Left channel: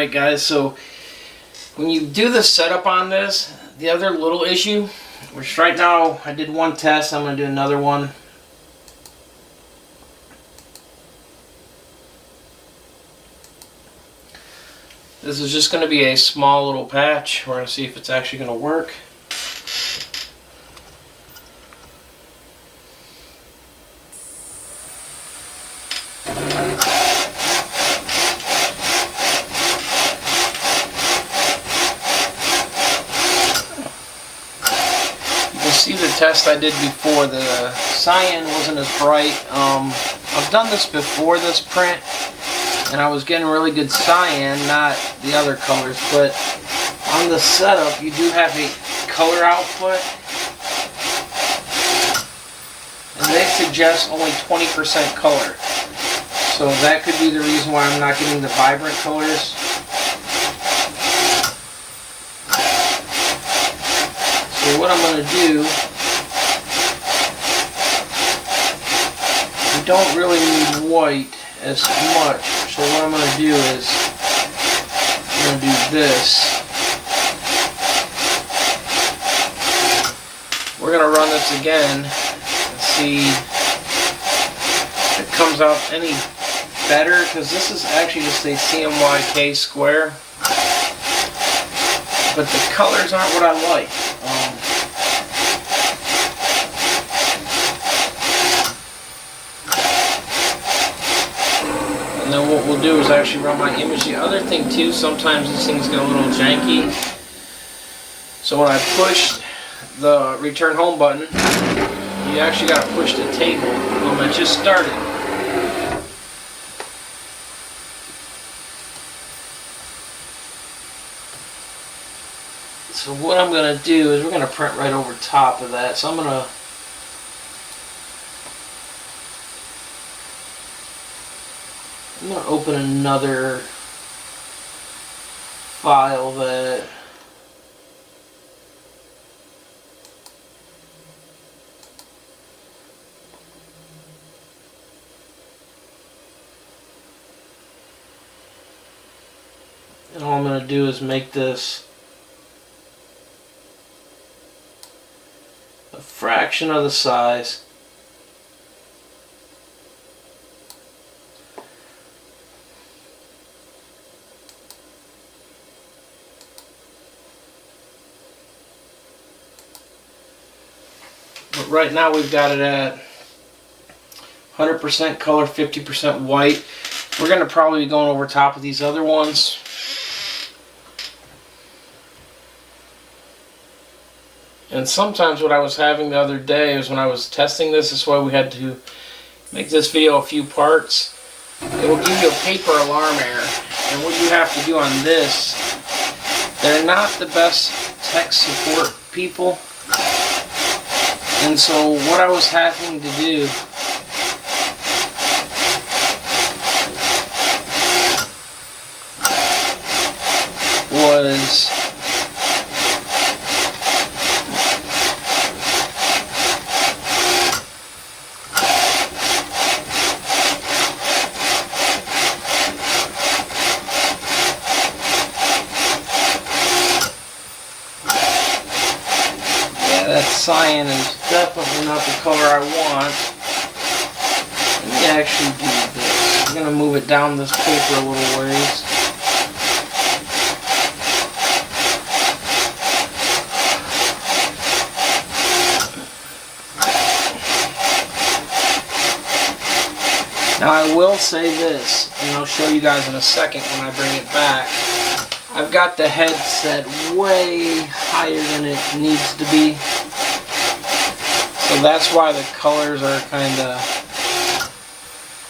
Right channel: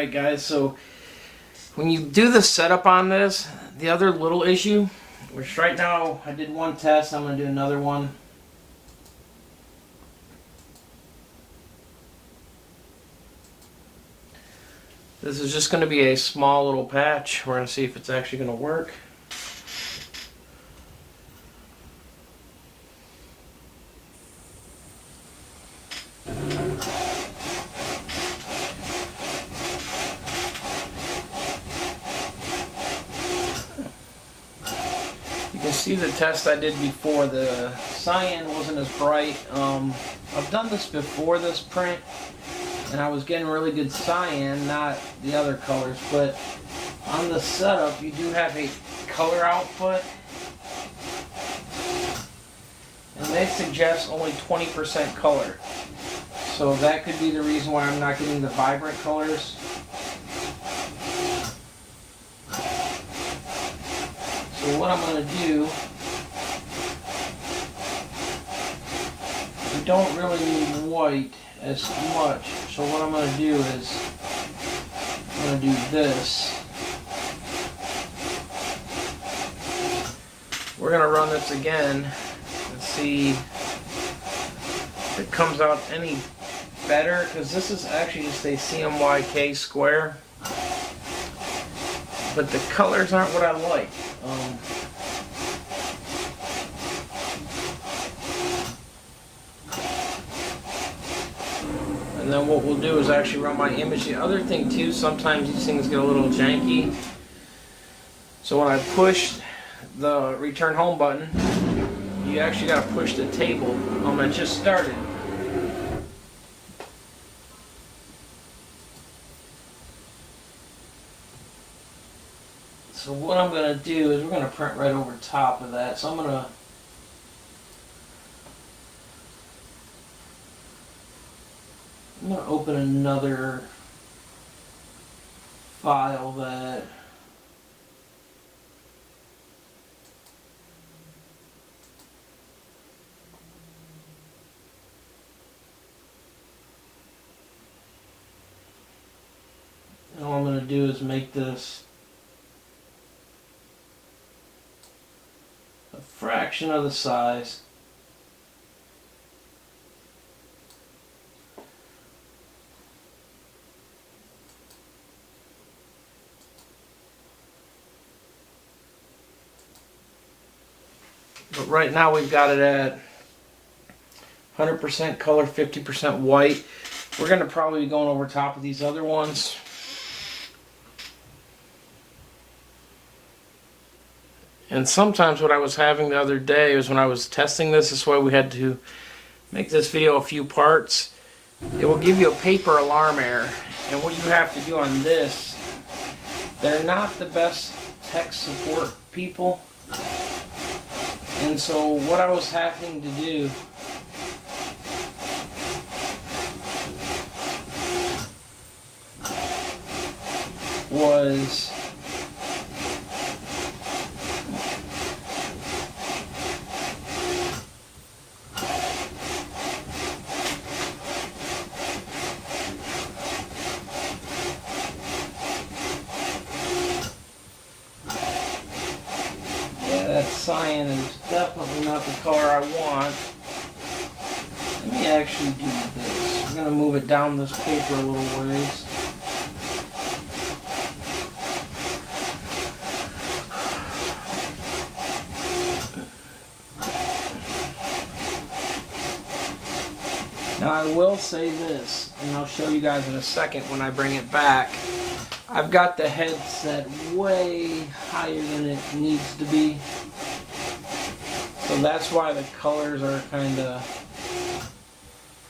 Alright guys, so when you do the setup on this, the other little issue, which right now I did one test, I'm going to do another one. This is just going to be a small little patch. We're going to see if it's actually going to work. See the test I did before, the cyan wasn't as bright. I've done this before, this print, and I was getting really good cyan, not the other colors, but on the setup you do have a color output, and they suggest only 20% color, so that could be the reason why I'm not getting the vibrant colors. So what I'm going to do, we don't really need white as much, so what I'm going to do is, I'm going to do this. We're going to run this again and see if it comes out any better, because this is actually just a CMYK square, but the colors aren't what I like. And then what we'll do is actually run my image. The other thing too, sometimes these things get a little janky. So when I push the return home button, you actually got to push the table. It just started. So what I'm going to do is we're going to print right over top of that. So I'm going to open another file that and all I'm going to do is make this a fraction of the size. But right now we've got it at 100% color, 50% white. We're going to probably be going over top of these other ones. And sometimes what I was having the other day is when I was testing this, is why we had to make this video a few parts. It will give you a paper alarm error. And what you have to do on this, they're not the best tech support people. And so what I was having to do was that cyan is definitely not the color I want. Let me actually do this. I'm going to move it down this paper a little ways. Now I will say this, and I'll show you guys in a second when I bring it back. I've got the head set way higher than it needs to be. So that's why the colors are kind of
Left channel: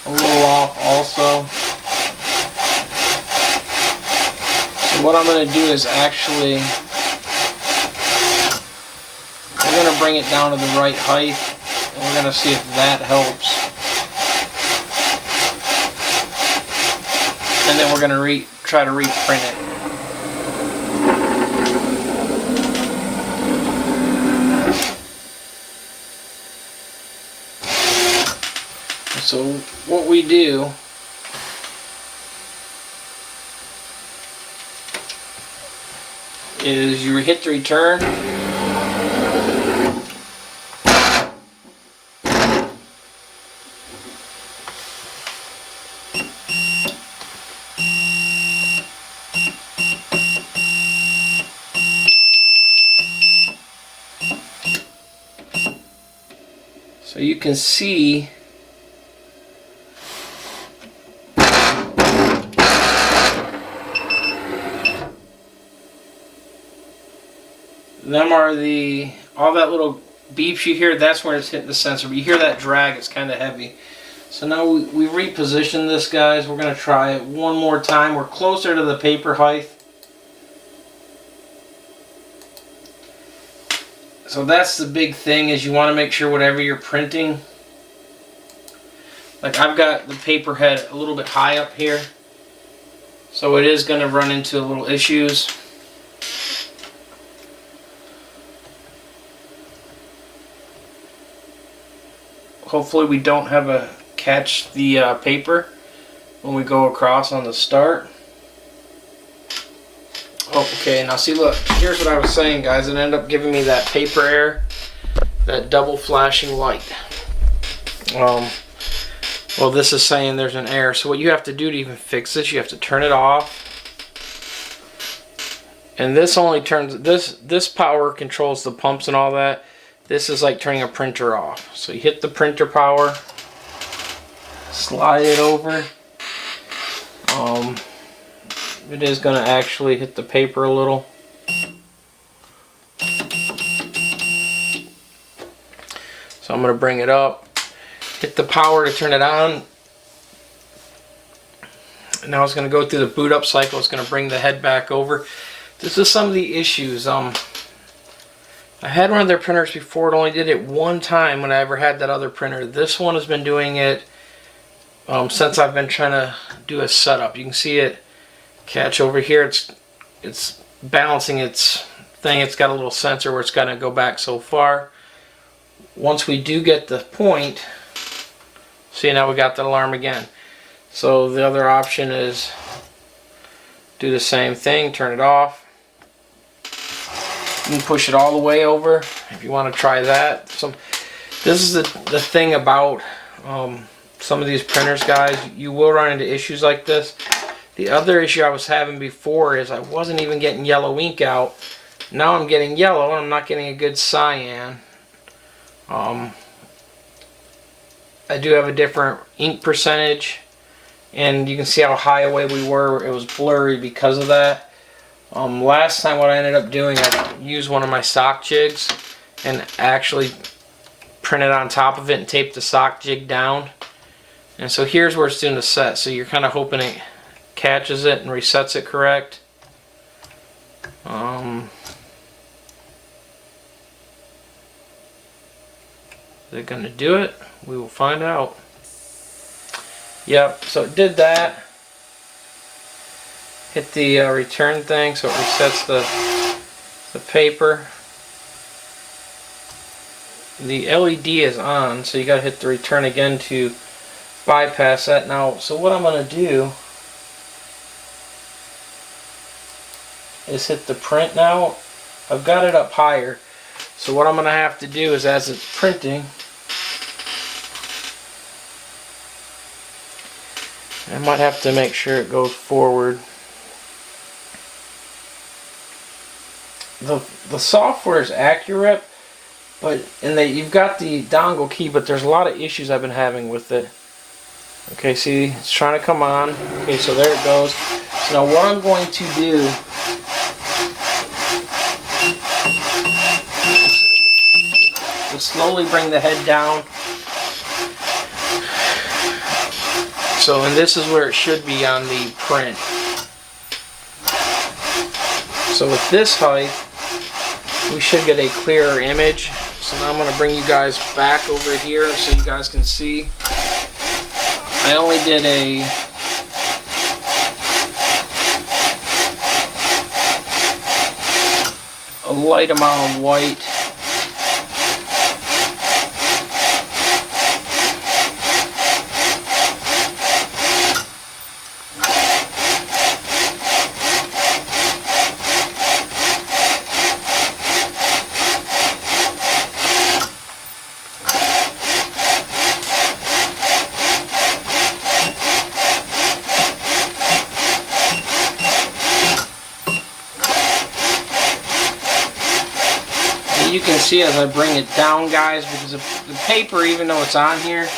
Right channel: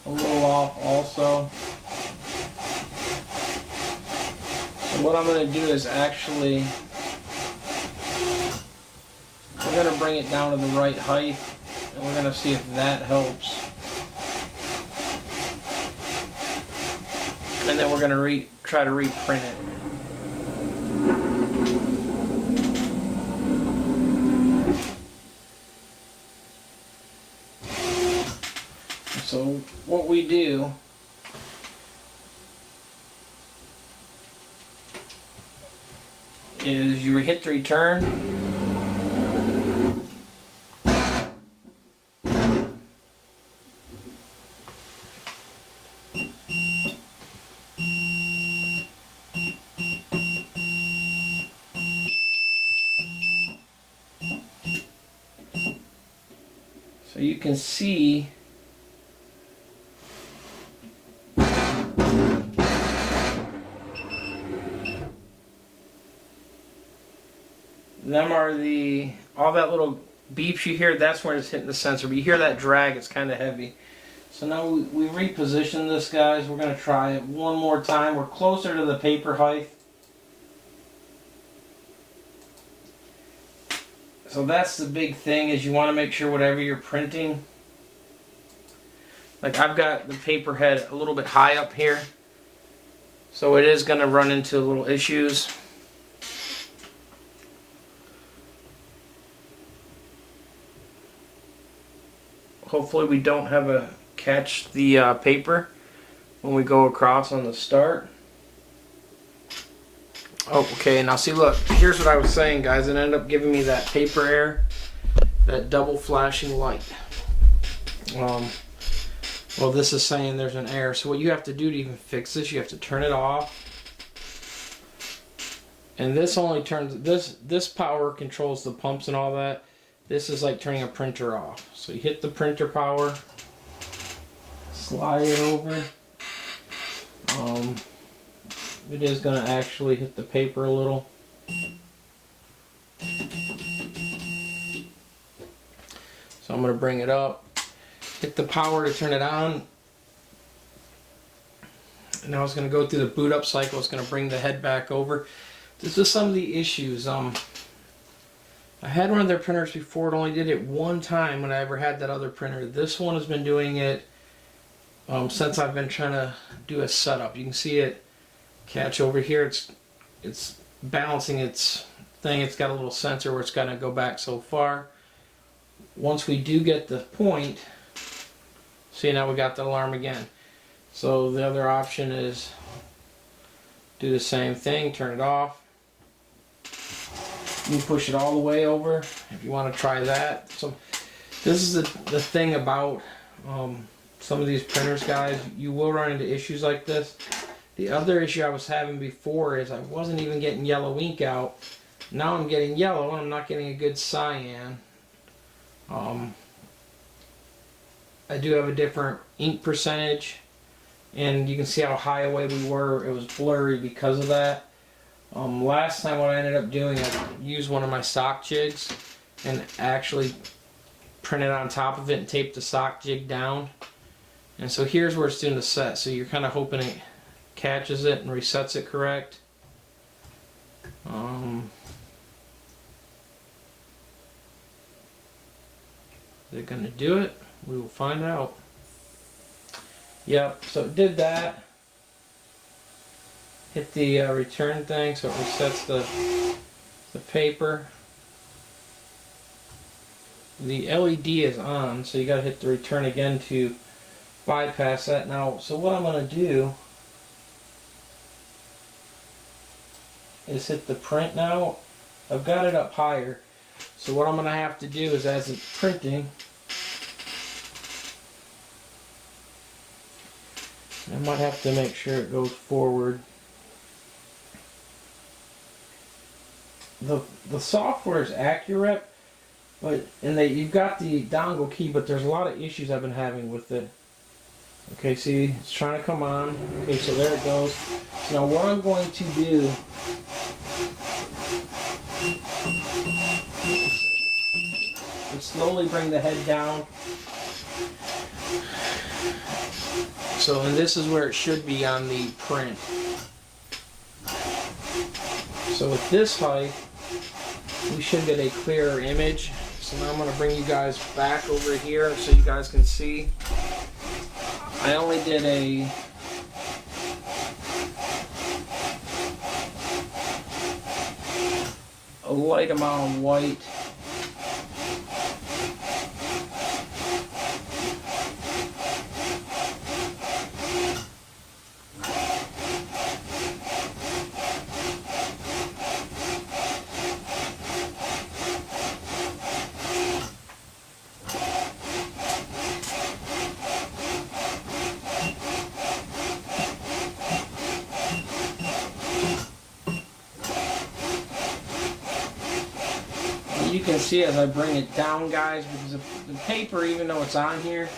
a little off also. So what I'm going to do is actually, we're going to bring it down to the right height, and we're going to see if that helps. And then we're going to try to reprint it. So what we do is you hit the return. So you can see them are all that little beeps you hear, that's where it's hitting the sensor. But you hear that drag, it's kind of heavy. So now we reposition this, guys. We're going to try it one more time. We're closer to the paper height. So that's the big thing, is you want to make sure whatever you're printing, like I've got the paper head a little bit high up here, so it is going to run into little issues. Hopefully we don't have a catch the paper when we go across on the start. Oh, okay, now see, look, here's what I was saying, guys. It ended up giving me that paper error, that double flashing light. Well, this is saying there's an error. So what you have to do to even fix this, you have to turn it off. And this only turns, this power controls the pumps and all that. This is like turning a printer off. So you hit the printer power, slide it over. It is going to actually hit the paper a little. So I'm going to bring it up, hit the power to turn it on. Now it's going to go through the boot up cycle. It's going to bring the head back over. This is some of the issues. I had one of their printers before. It only did it one time when I ever had that other printer. This one has been doing it since I've been trying to do a setup. You can see it catch over here. It's balancing its thing. It's got a little sensor where it's got to go back so far. Once we do get the point, see, now we got the alarm again. So the other option is do the same thing, turn it off. You can push it all the way over if you want to try that. This is the thing about some of these printers, guys. You will run into issues like this. The other issue I was having before is I wasn't even getting yellow ink out. Now I'm getting yellow and I'm not getting a good cyan. I do have a different ink percentage, and you can see how high away we were. It was blurry because of that. Last time what I ended up doing, I used one of my sock jigs and actually printed on top of it and taped the sock jig down. And so here's where it's doing the set. So you're kind of hoping it catches it and resets it correct. Is it going to do it? We will find out. Yep, so it did that. Hit the return thing so it resets the paper. The LED is on, so you got to hit the return again to bypass that. Now, so what I'm going to do is hit the print now. I've got it up higher. So what I'm going to have to do is, as it's printing, I might have to make sure it goes forward. The software is accurate, but you've got the dongle key, but there's a lot of issues I've been having with it. Okay, see, it's trying to come on. Okay, so there it goes. So now what I'm going to do is slowly bring the head down. So, and this is where it should be on the print. So with this height, we should get a clearer image. So now I'm going to bring you guys back over here so you guys can see. I only did a light amount of white. can see as I bring it down, guys, because the paper, even though it's on here,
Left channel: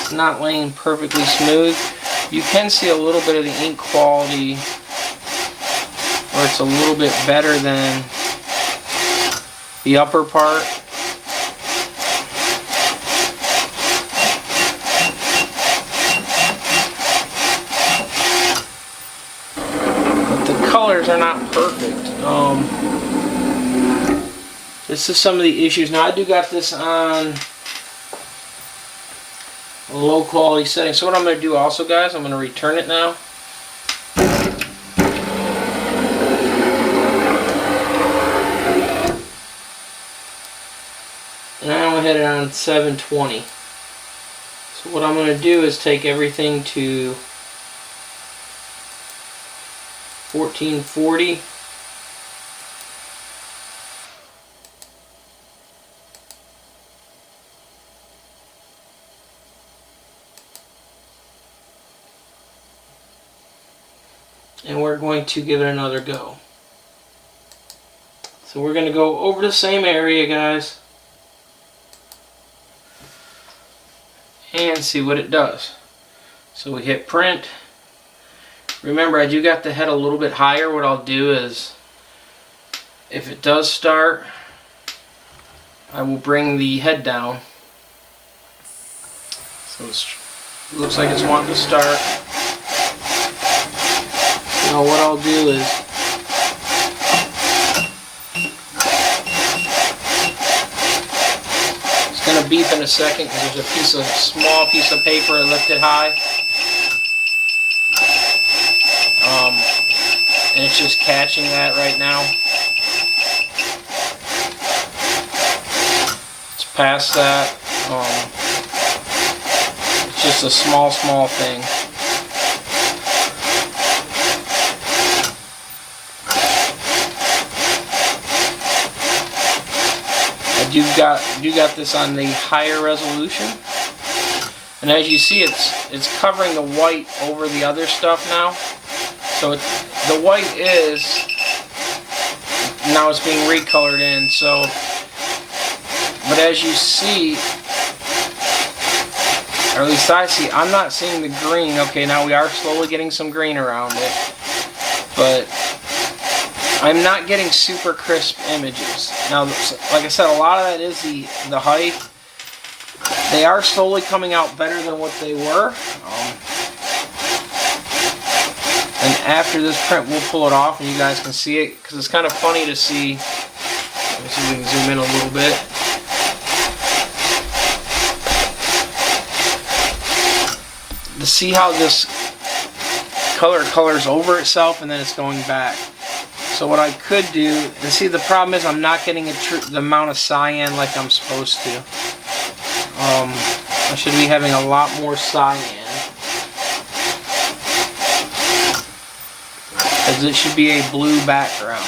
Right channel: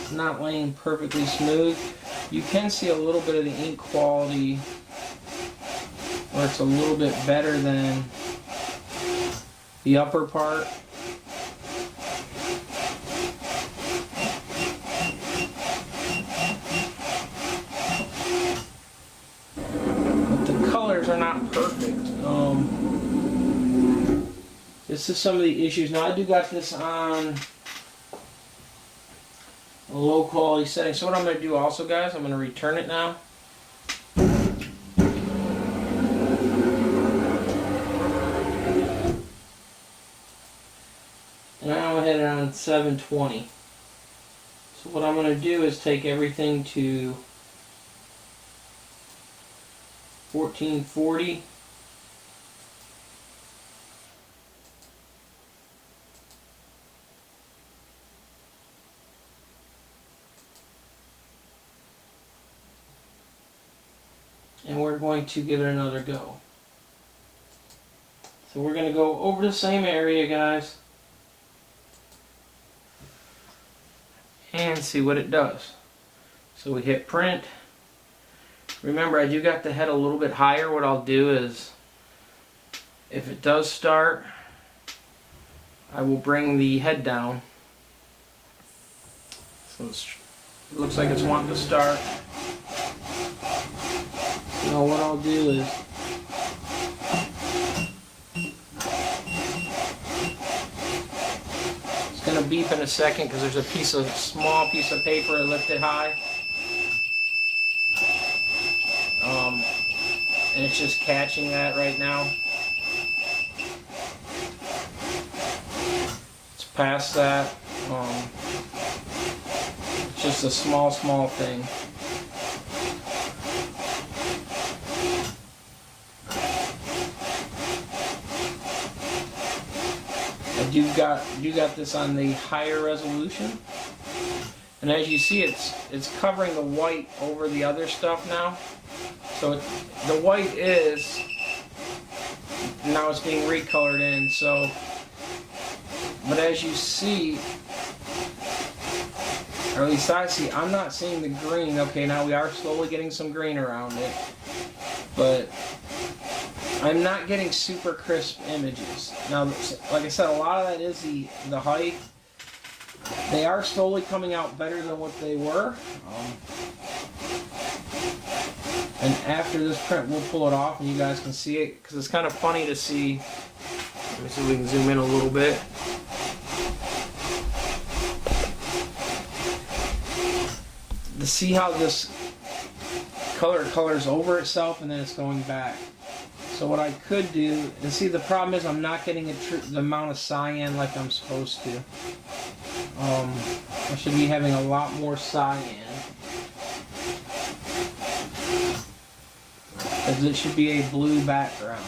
it's not laying perfectly smooth. You can see a little bit of the ink quality, or it's a little bit better than the upper part. But the colors are not perfect. This is some of the issues. Now I do got this on a low quality setting. So what I'm going to do also, guys, I'm going to return it now. And I only had it on 720. So what I'm going to do is take everything to 1440. And we're going to give it another go. So we're going to go over the same area, guys, and see what it does. So we hit print. Remember, I do got the head a little bit higher. What I'll do is, if it does start, I will bring the head down. So it looks like it's wanting to start. Now what I'll do is it's going to beep in a second because there's a small piece of paper lifted high. And it's just catching that right now. It's past that. It's just a small thing. I do got this on the higher resolution, and as you see, it's covering the white over the other stuff now. So the white is now it's being recolored in. So, but as you see, or at least I see, I'm not seeing the green. Okay, now we are slowly getting some green around it, but I'm not getting super crisp images. Now, like I said, a lot of that is the height. They are slowly coming out better than what they were. And after this print, we'll pull it off and you guys can see it, because it's kind of funny to see. Let me see if we can zoom in a little bit. To see how this colors over itself and then it's going back. So what I could do, and see, the problem is I'm not getting the amount of cyan like I'm supposed to. I should be having a lot more cyan, as it should be a blue background.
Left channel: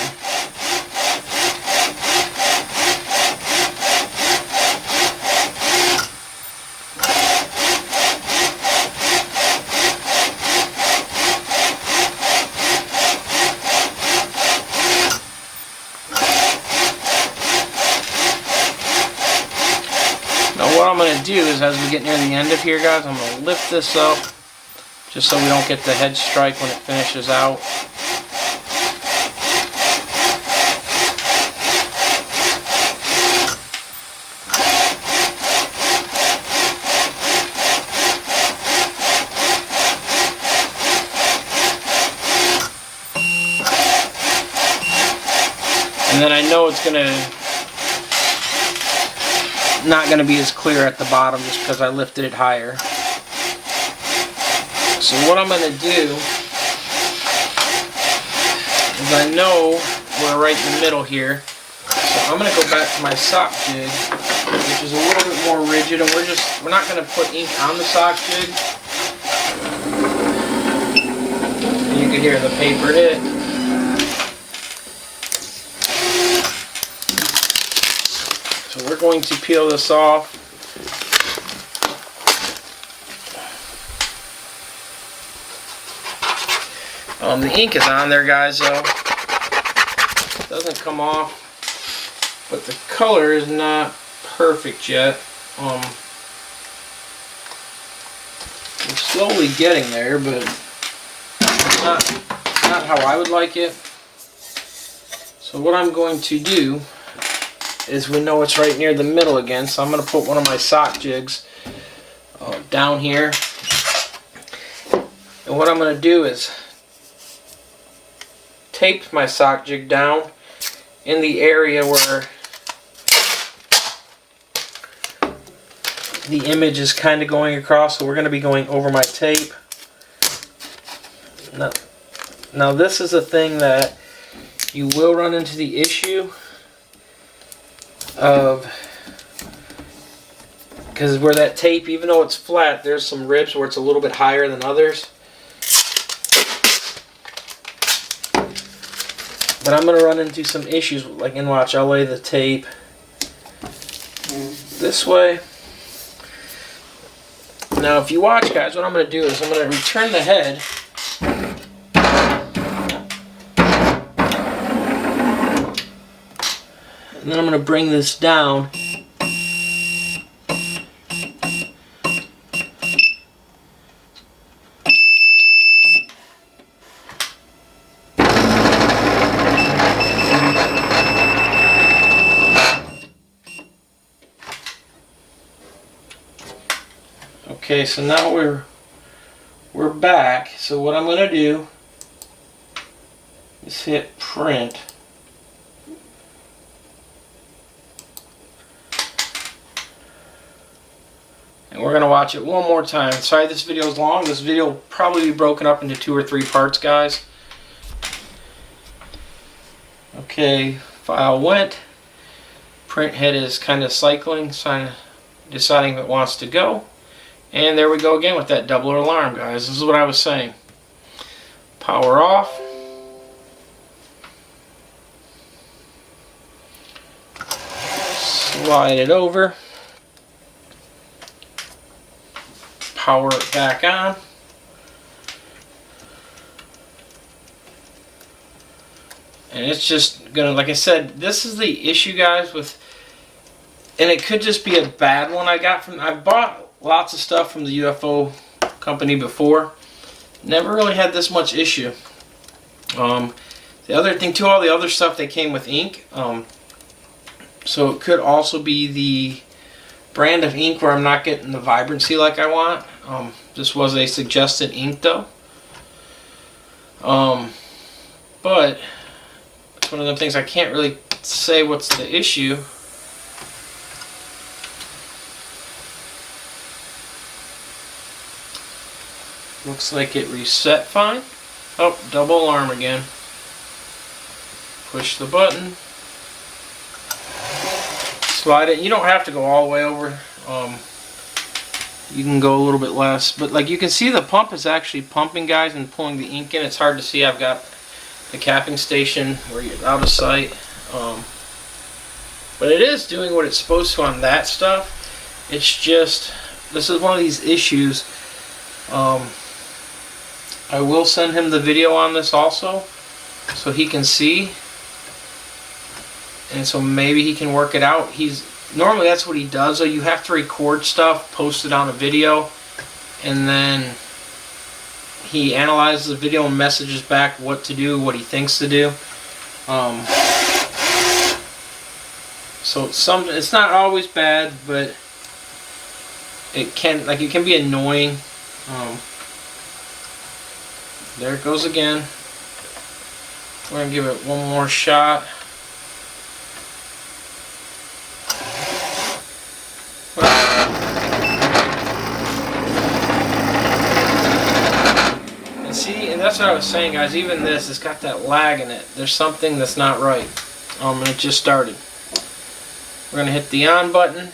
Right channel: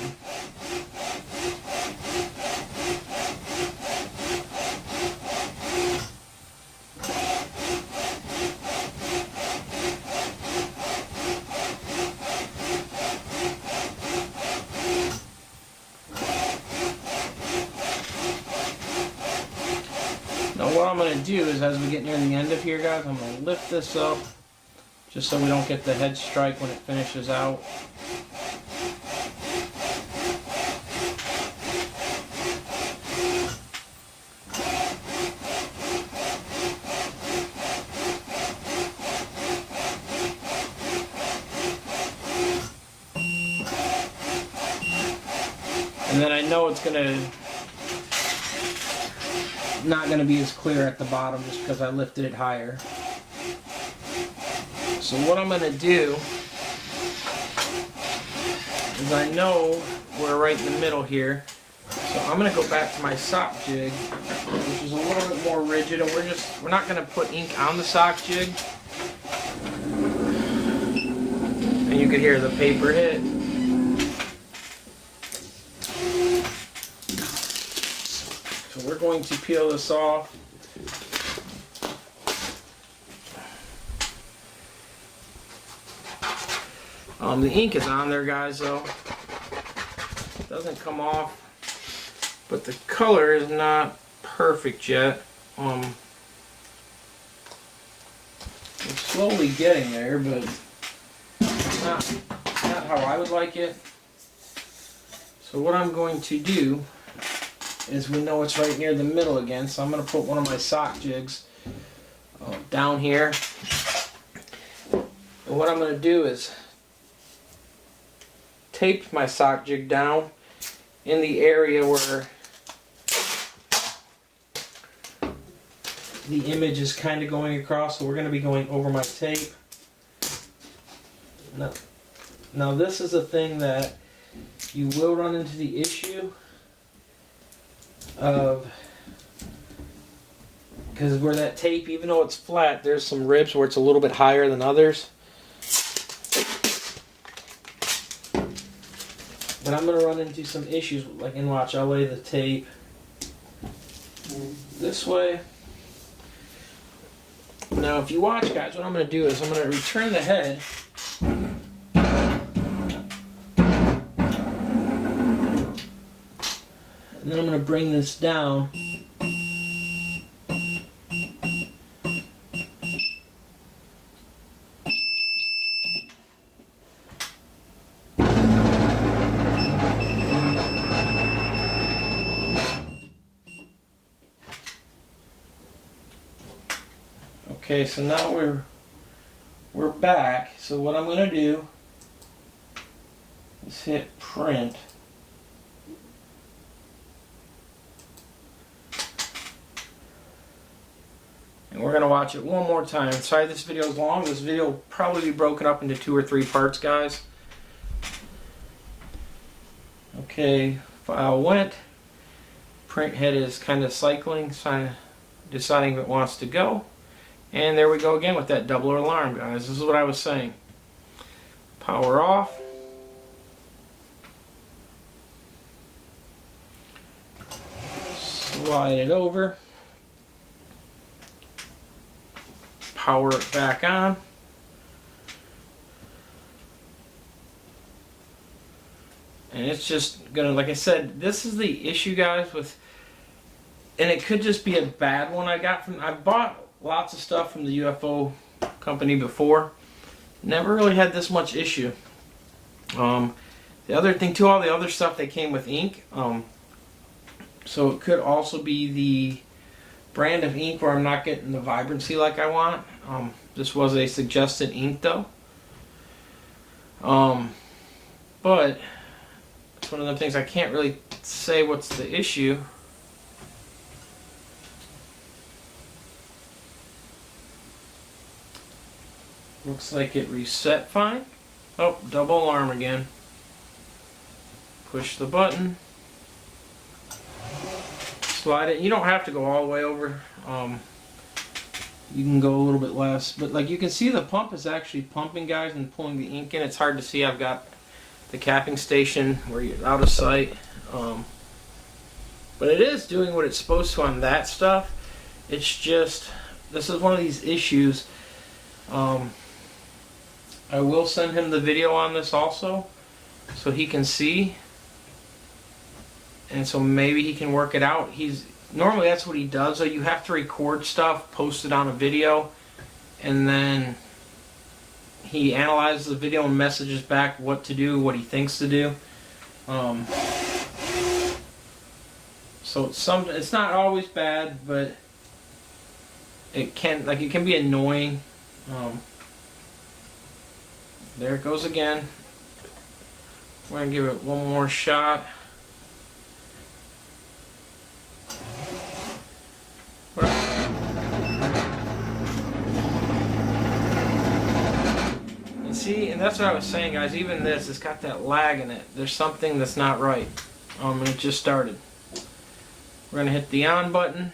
What I'm going to do is, as we get near the end of here, guys, I'm going to lift this up just so we don't get the head strike when it finishes out. And then I know it's not going to be as clear at the bottom just because I lifted it higher. So what I'm going to do is, I know we're right in the middle here, so I'm going to go back to my sock jig, which is a little bit more rigid, and we're not going to put ink on the sock jig. And you can hear the paper hit. So we're going to peel this off. The ink is on there, guys, though. It doesn't come off. but the color is not perfect yet. I'm slowly getting there, but it's not how I would like it. So what I'm going to do is, we know it's right near the middle again, so I'm going to put one of my sock jigs down here. And what I'm going to do is tape my sock jig down in the area where the image is kind of going across. So we're going to be going over my tape. Now this is a thing that you will run into the issue of, because where that tape, even though it's flat, there's some ribs where it's a little bit higher than others. But I'm going to run into some issues, like, and watch, I'll lay the tape this way. Now if you watch, guys, what I'm going to do is I'm going to return the head. And then I'm going to bring this down. Okay, so now we're back. So what I'm going to do is hit print. And we're going to watch it one more time. Sorry this video is long. This video will probably be broken up into 2 or 3 parts, guys. Okay, file went. Print head is kind of cycling, deciding if it wants to go. And there we go again with that double alarm, guys. This is what I was saying. Power off. Slide it over. Power it back on. And it's just gonna, like I said, this is the issue, guys, with, and it could just be a bad one I got from, I bought lots of stuff from the UFO company before. Never really had this much issue. The other thing too, all the other stuff, they came with ink. So it could also be the brand of ink where I'm not getting the vibrancy like I want. This was a suggested ink though. But it's one of them things I can't really say what's the issue. Looks like it reset fine. Oh, double alarm again. Push the button. Slide it. You don't have to go all the way over. You can go a little bit less. But like you can see, the pump is actually pumping, guys, and pulling the ink in. It's hard to see. I've got the capping station where you're out of sight. But it is doing what it's supposed to on that stuff. It's just, this is one of these issues. I will send him the video on this also, so he can see, and so maybe he can work it out. Normally that's what he does, though. You have to record stuff, post it on a video, and then he analyzes the video and messages back what to do, what he thinks to do. So it's not always bad, but it can be annoying. There it goes again. We're going to give it one more shot. And see, and that's what I was saying, guys, even this, it's got that lag in it. There's something that's not right. And it just started. We're going to hit the on button.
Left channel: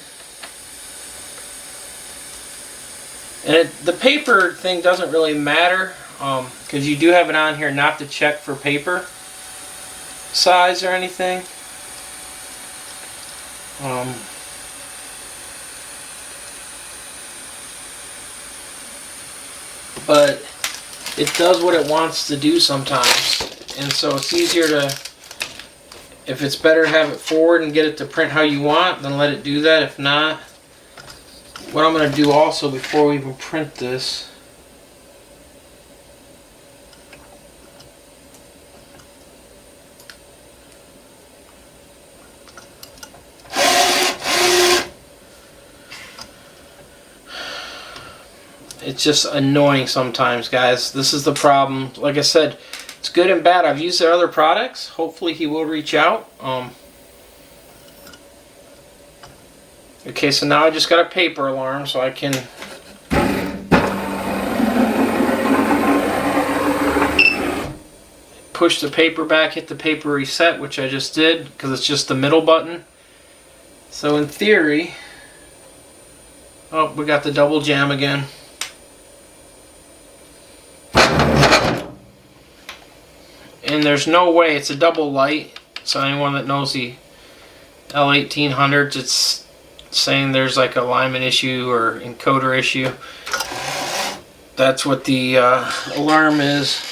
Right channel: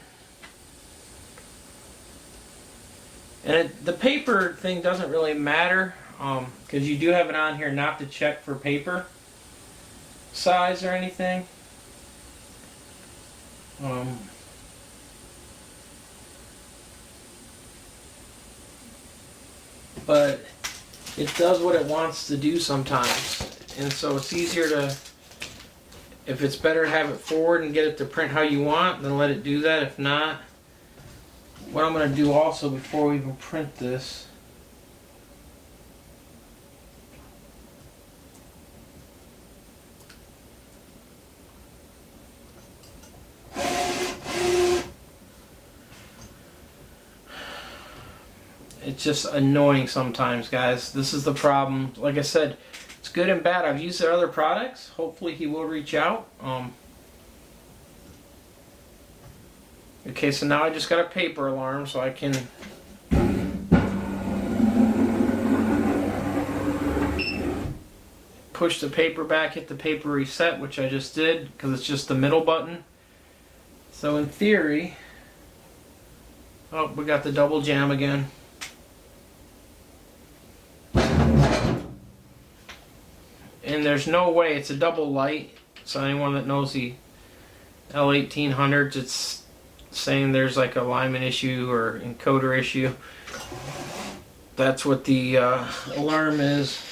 And the paper thing doesn't really matter. Because you do have it on here not to check for paper size or anything. But it does what it wants to do sometimes, and so it's easier to, If it's better to have it forward and get it to print how you want, then let it do that. If not, what I'm going to do also before we even print this, it's just annoying sometimes, guys. This is the problem. Like I said, it's good and bad. I've used their other products. Hopefully he will reach out. Okay, so now I just got a paper alarm, so I can push the paper back, hit the paper reset, which I just did because it's just the middle button. So in theory, oh, we got the double jam again. And there's no way, it's a double light, so anyone that knows the L1800s, it's saying there's like a alignment issue or encoder issue. That's what the alarm is.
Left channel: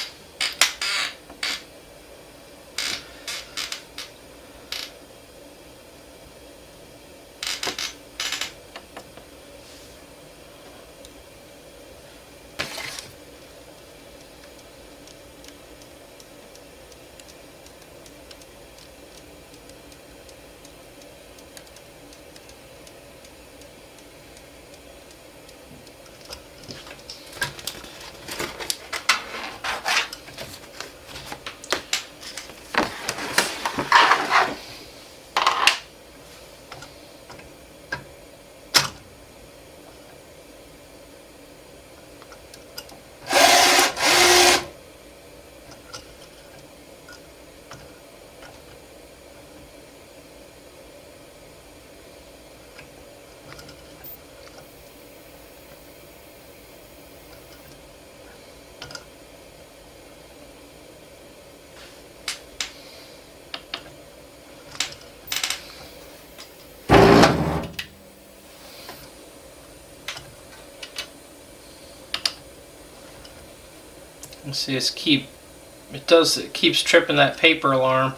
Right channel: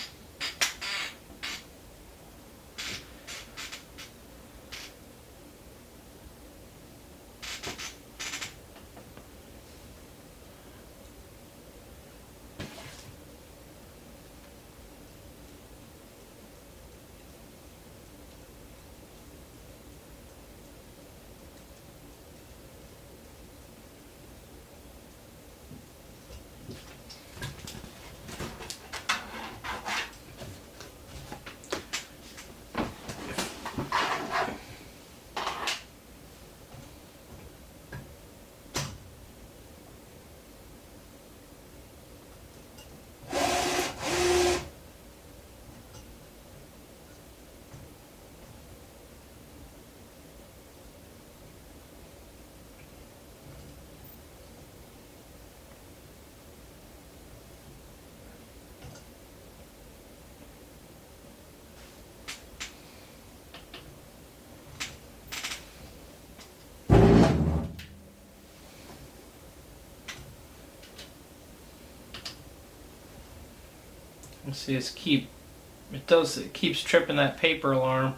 Let's see, it keeps tripping that paper alarm,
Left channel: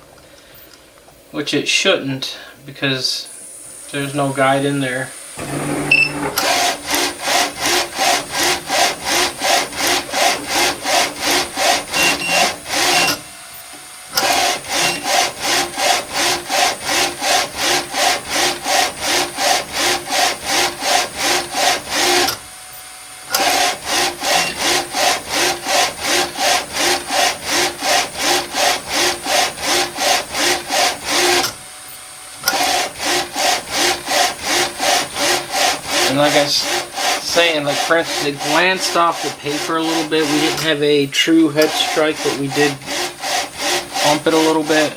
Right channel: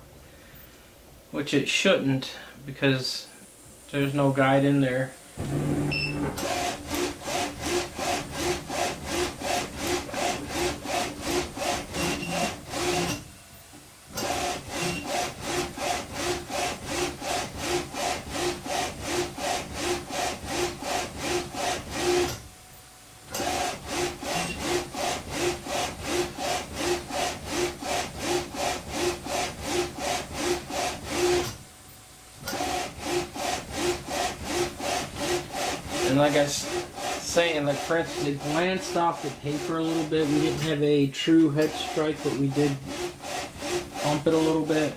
which it shouldn't because there's no guide in there. And like I was saying, like for instance, it glanced off the paper a little bit. We didn't have a true head strike, but we did bump it a little bit.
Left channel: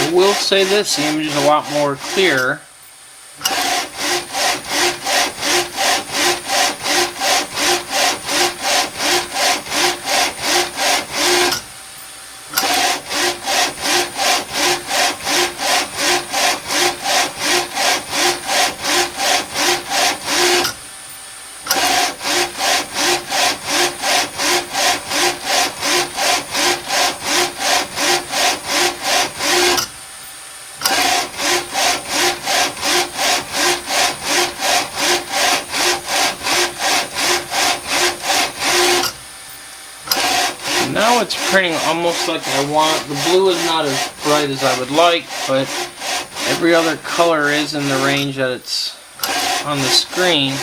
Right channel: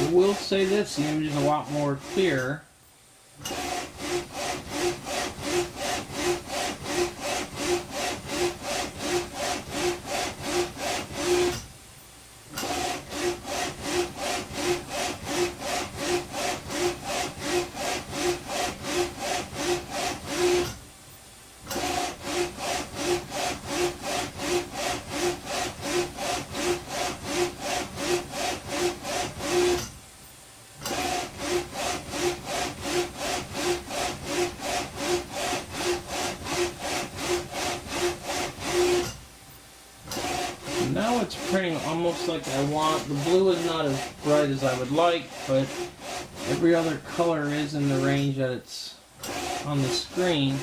I will say this, the image is a lot more clear. it's printing almost like I want. The blue is not as bright as I would like, but every other color is in the range that it's on the screen.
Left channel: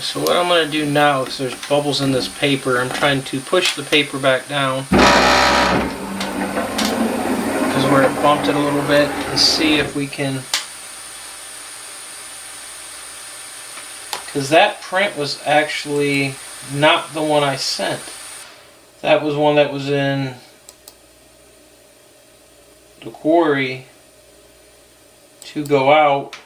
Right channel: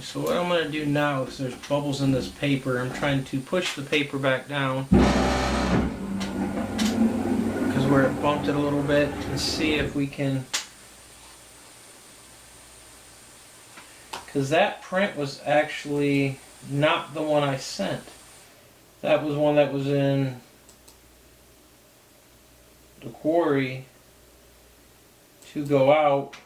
So what I'm going to do now, because there's bubbles in this paper, I'm trying to push the paper back down because where it bumped it a little bit, and see if we can, because that print was actually not the one I sent. That was one that was in the quarry to go out.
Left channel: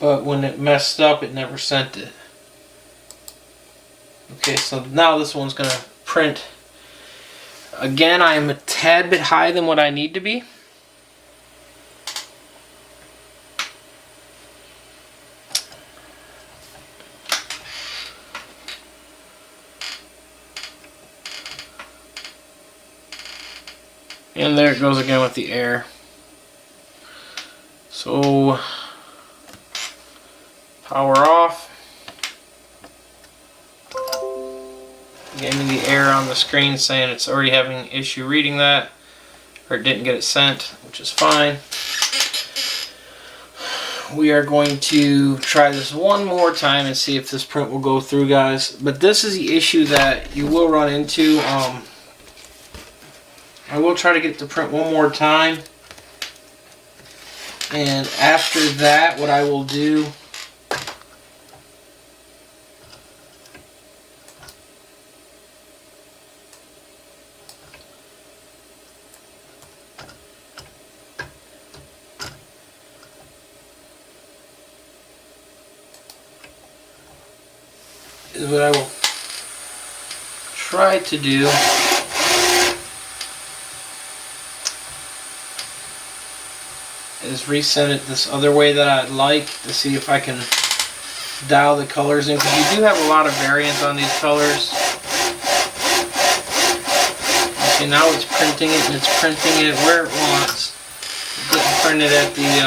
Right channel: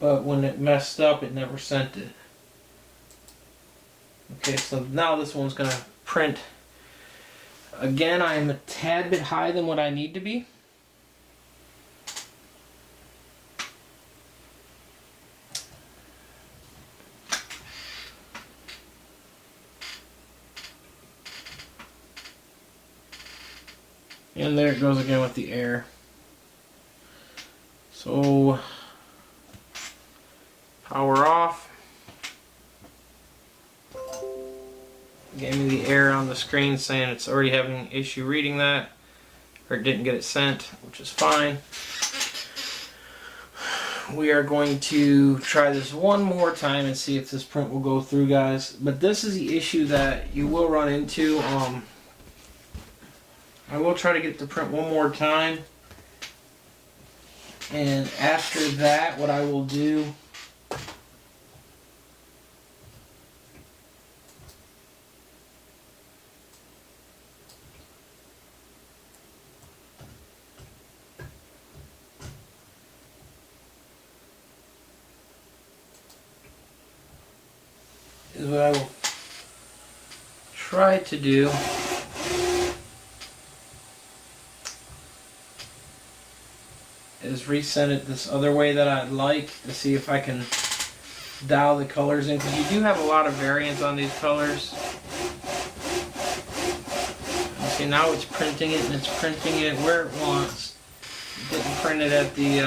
But when it messed up, it never sent it. Okay, so now this one's going to print. Again, I am a tad bit higher than what I need to be. And there it goes again with the air. So power off. Gave me the error on the screen saying it's already having an issue reading that, or it didn't get it sent, which is fine. We are going to try this one more time and see if this print will go through, guys. But this is the issue that you will run into. I will try to get it to print one more time, and after that, what I will do is what I will try to do is resend it this other way that I'd like, to see if I can dial the colors in, because you do have a lot of variance on these colors. Okay, now it's printing it, and it's printing it where it wants. It didn't print it at the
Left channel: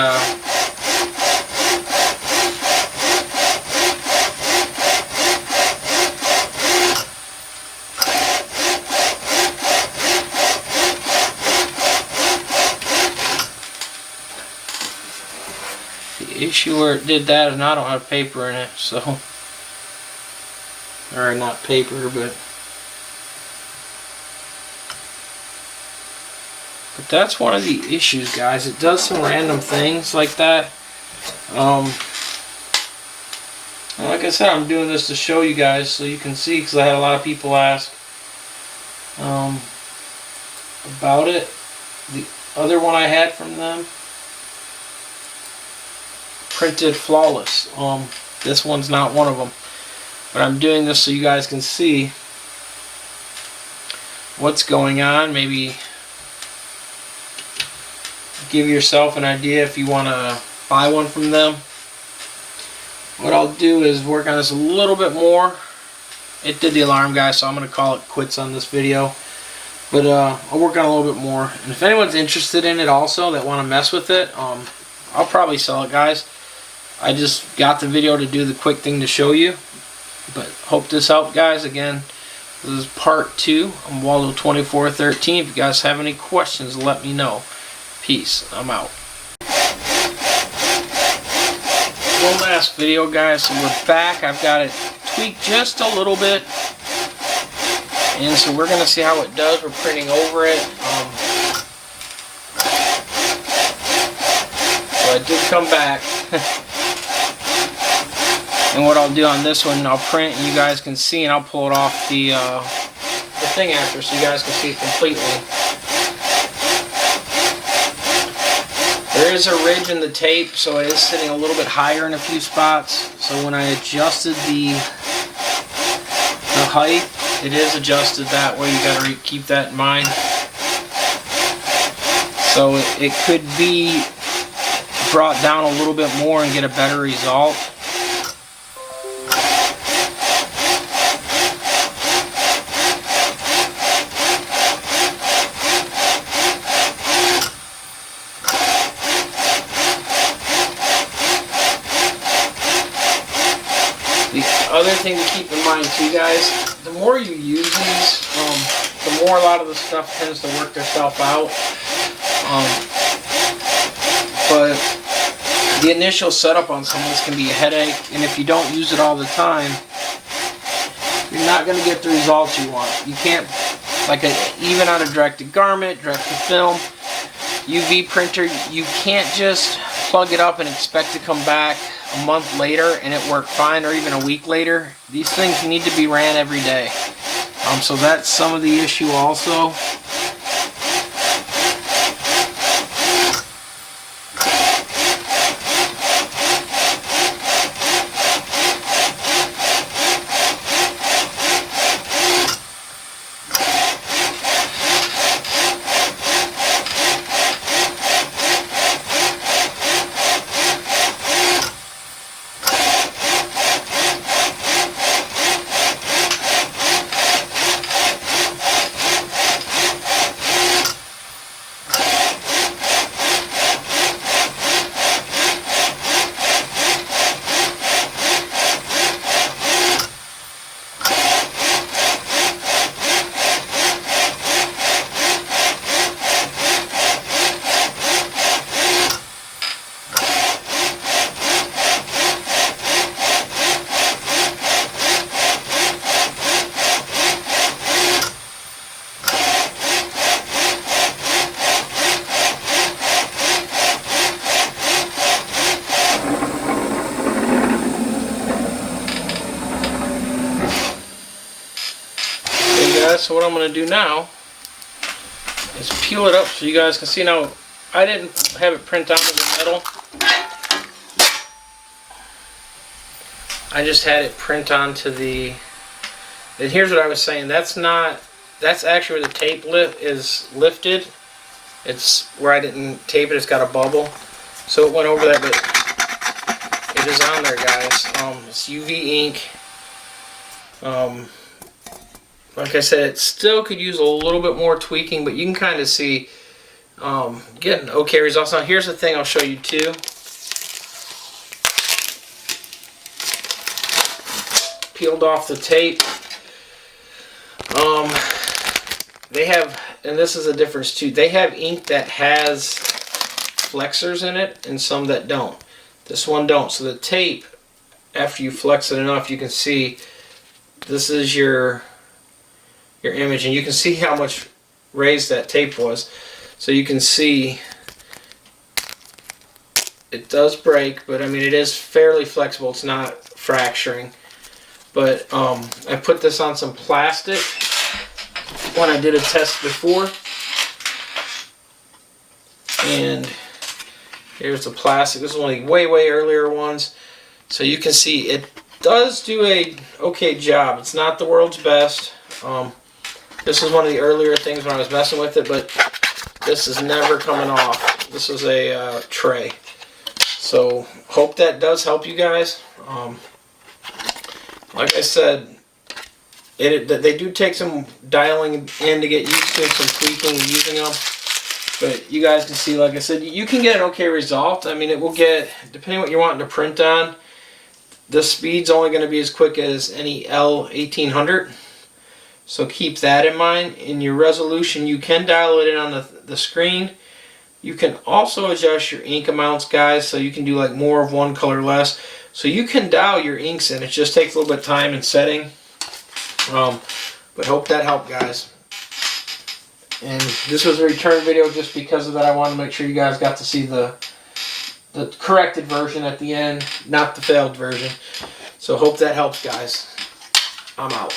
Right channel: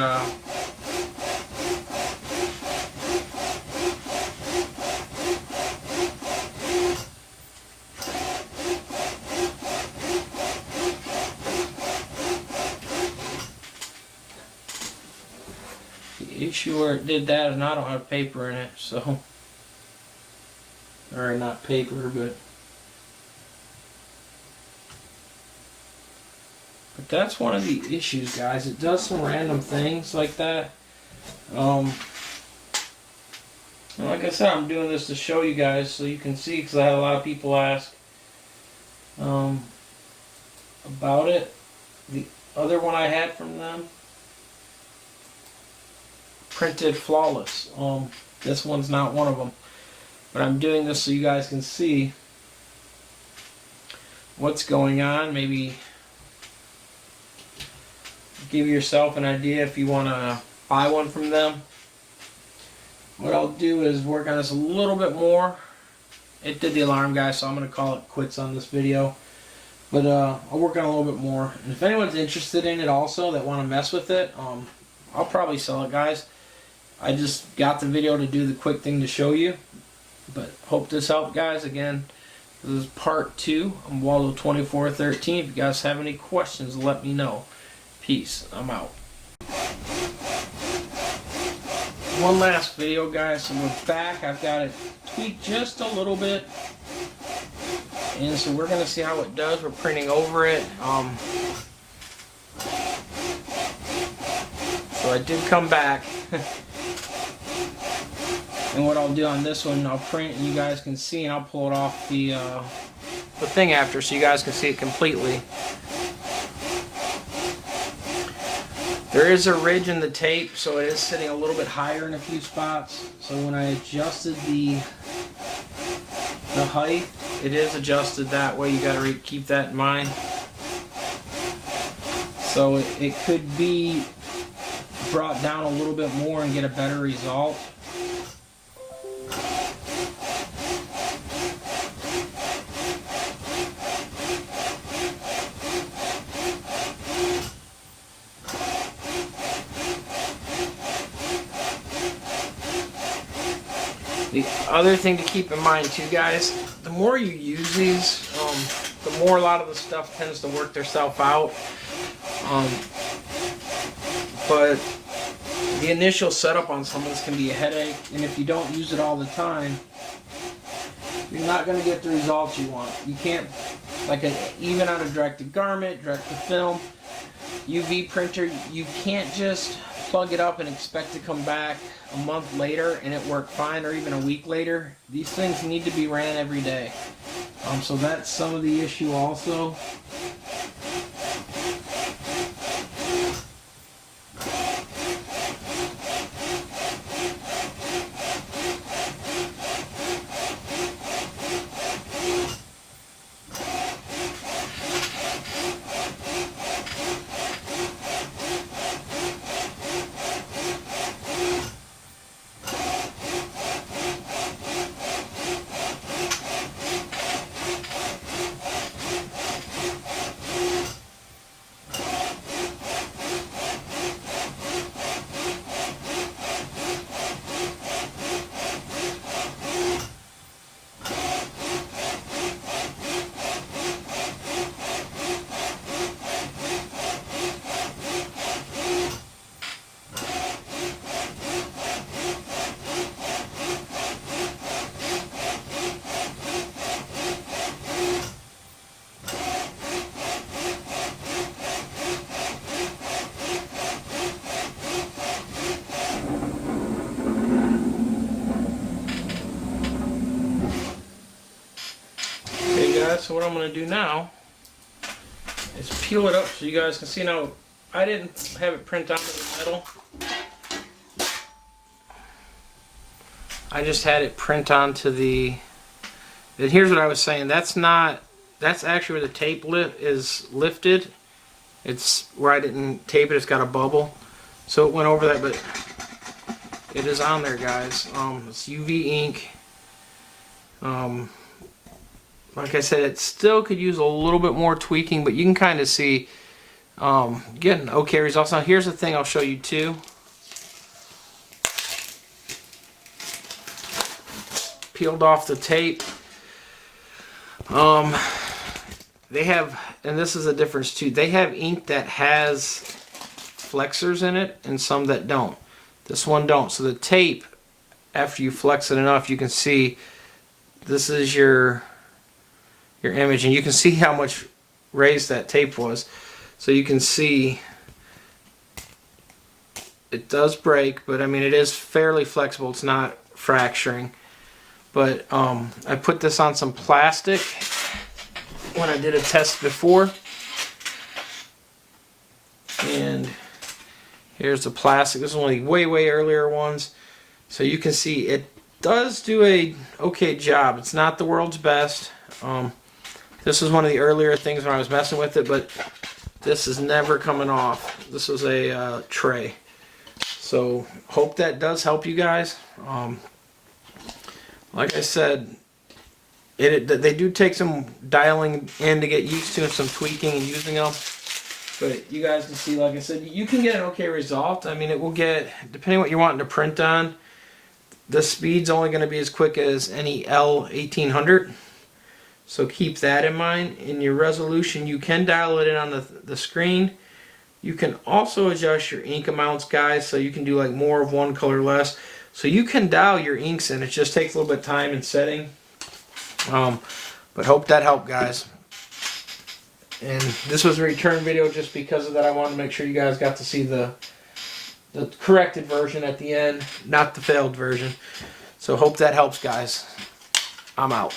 issue where it did that, and I don't have paper in it, so, or not paper, but that's one of the issues, guys. It does some random things like that. Like I said, I'm doing this to show you guys so you can see, because I had a lot of people ask about it. The other one I had from them printed flawless. This one's not one of them, but I'm doing this so you guys can see what's going on. Maybe give yourself an idea if you want to buy one from them. What I'll do is work on this a little bit more. It did the alarm, guys, so I'm going to call it quits on this video, but I'll work on it a little bit more. And if anyone's interested in it also, that want to mess with it, I'll probably sell it, guys. I just got the video to do the quick thing to show you, but hope this helped, guys. Again, this is part 2 on ROLLO 2413. If you guys have any questions, let me know. Peace. I'm out. One last video, guys. So we're back. I've got it tweaked just a little bit, and so we're gonna see how it does. We're printing over it. So I did come back. And what I'll do on this one, I'll print and you guys can see, and I'll pull it off the the thing after so you guys can see it completely. There is a ridge in the tape, so it is sitting a little bit higher in a few spots. So when I adjusted the height, it is adjusted that way. You got to keep that in mind. So it could be brought down a little bit more and get a better result. The other thing to keep in mind too, guys, the more you use these, the more a lot of the stuff tends to work itself out. But the initial setup on some of this can be a headache, and if you don't use it all the time, you're not going to get the results you want. You can't, even on a direct-to-garment, direct-to-film, UV printer, you can't just plug it up and expect to come back a month later and it worked fine, or even a week later. These things need to be ran every day. So that's some of the issue also. So what I'm going to do now is peel it up so you guys can see. Now, I didn't have it print onto the metal. I just had it print onto the... And here's what I was saying. That's actually where the tape is lifted. It's where I didn't tape it. It's got a bubble. So it went over that, but it is on there, guys. It's UV ink. Like I said, it still could use a little bit more tweaking, but you can kind of see getting okay results. Now here's the thing I'll show you too. Peeled off the tape. They have, and this is a difference too, they have ink that has flexors in it and some that don't. This one don't. So the tape, after you flex it enough, you can see this is your image, and you can see how much raised that tape was. So you can see it does break, but I mean it is fairly flexible. It's not fracturing. But I put this on some plastic when I did a test before, and here's the plastic. This is one of the way earlier ones. So you can see it does do a okay job. It's not the world's best. This is one of the earlier things when I was messing with it, but this is never coming off. This is a tray. So hope that does help you guys. Like I said, they do take some dialing in to get used to, some tweaking and using them. But you guys can see, like I said, you can get an okay result. I mean, it will get, depending on what you're wanting to print on, the speed's only going to be as quick as any L1800. So keep that in mind. In your resolution, you can dial it in on the screen. You can also adjust your ink amounts, guys, so you can do like more of one color, less. So you can dial your inks in. It just takes a little bit of time and setting. But hope that helped, guys. And this was a return video just because of that. I wanted to make sure you guys got to see the corrected version at the end, not the failed version. So hope that helps, guys. I'm out.